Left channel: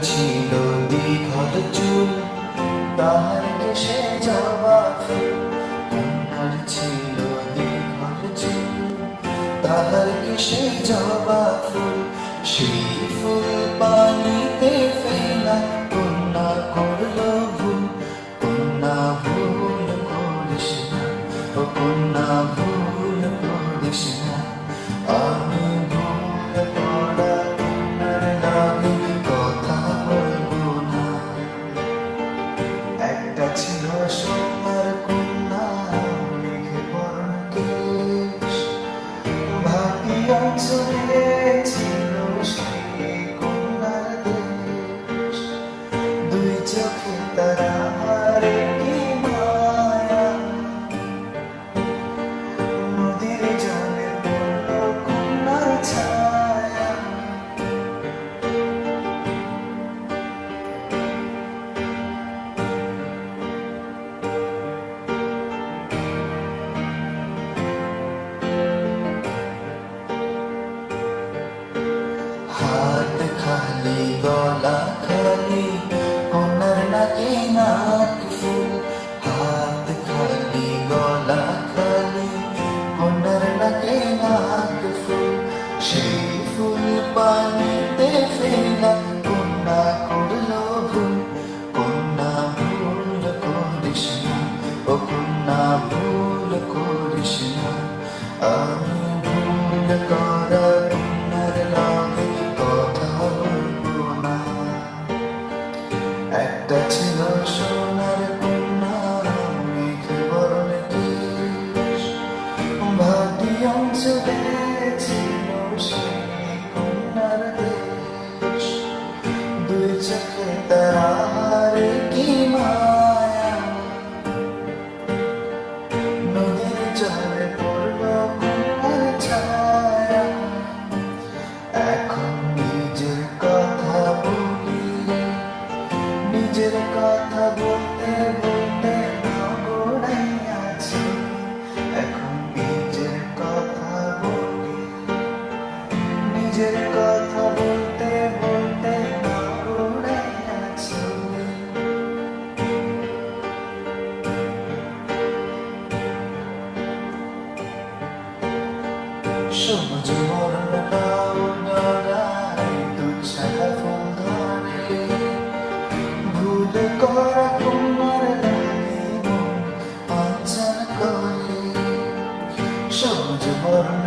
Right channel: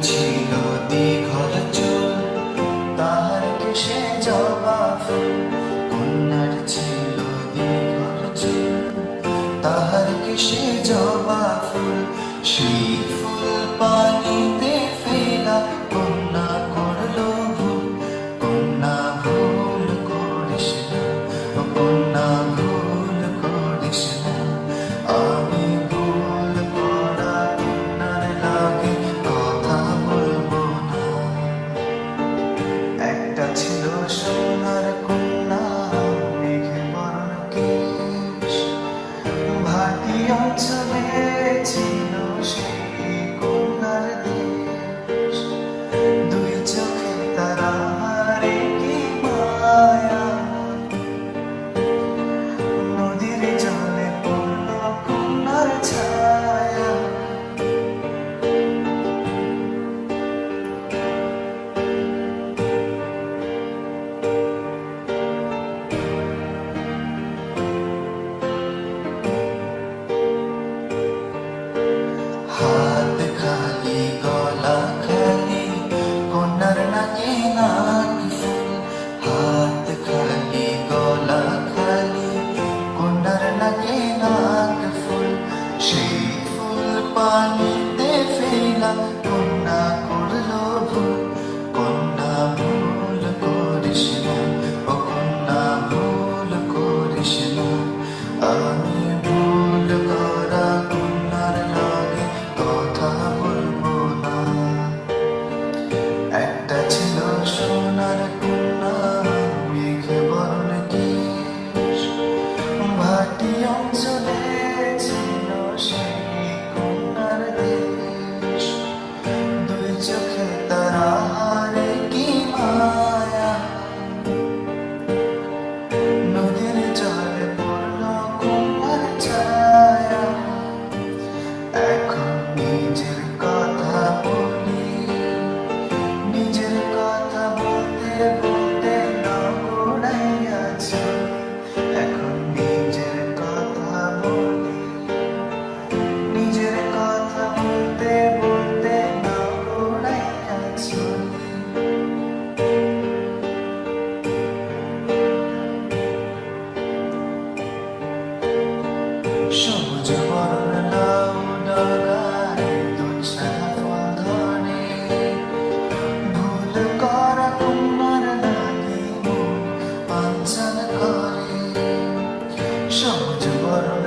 ছিল দীঘল চুল, তাহার কেশে জবা ফুল। কন্যার ছিল দীঘল চুল, তাহার কেশে জবা ফুল। সেই ফুল পানিতে ফেলা, কন্যা করলো ভুল। কন্যা ভুল করিস না, ও কন্যা ভুল করিস না। আমি ভুল করা কন্যার লাগে কথা বলবো না। একটা ছিল সোনার কন্যা, মেঘে বরণ কেশ। ভাটি অঞ্চলে ছিল সেই কন্যার দেশ। দুই চোখে তারারে কি মায়া, নদীর জলে পড়ল কন্যার ছায়া। হাত খালি গলা খালি, কন্যার নাকে নাক ফুল। হাত খালি গলা খালি, কন্যার নাকে নাক ফুল। সেই ফুল পানিতে ফেলা, কন্যা করলো ভুল। কন্যা ভুল করিস না, ও কন্যা ভুল করিস না। আমি ভুল করা কন্যার লাগে কথা বলবো না। একটা ছিল সোনার কন্যা, মেঘে বরণ কেশ। ভাটি অঞ্চলে ছিল সেই কন্যার দেশ। দুই চোখে তারারে কি মায়া, নদীর জলে পড়ল কন্যার ছায়া। এখন নিজের কথা বলি, নিজের কথা বলতে বলতে নগড়াইয়া চলি। এখন নিজের কথা বলি, নিজের কথা বলতে বলতে নগড়াইয়া চলি। সবুজ বরণ লাউ ডগায় দুছাড়া ফুল ধরে। ভুল করা কন্যার লাগি মন পাঞ্চাল করে। সবুজ বরণ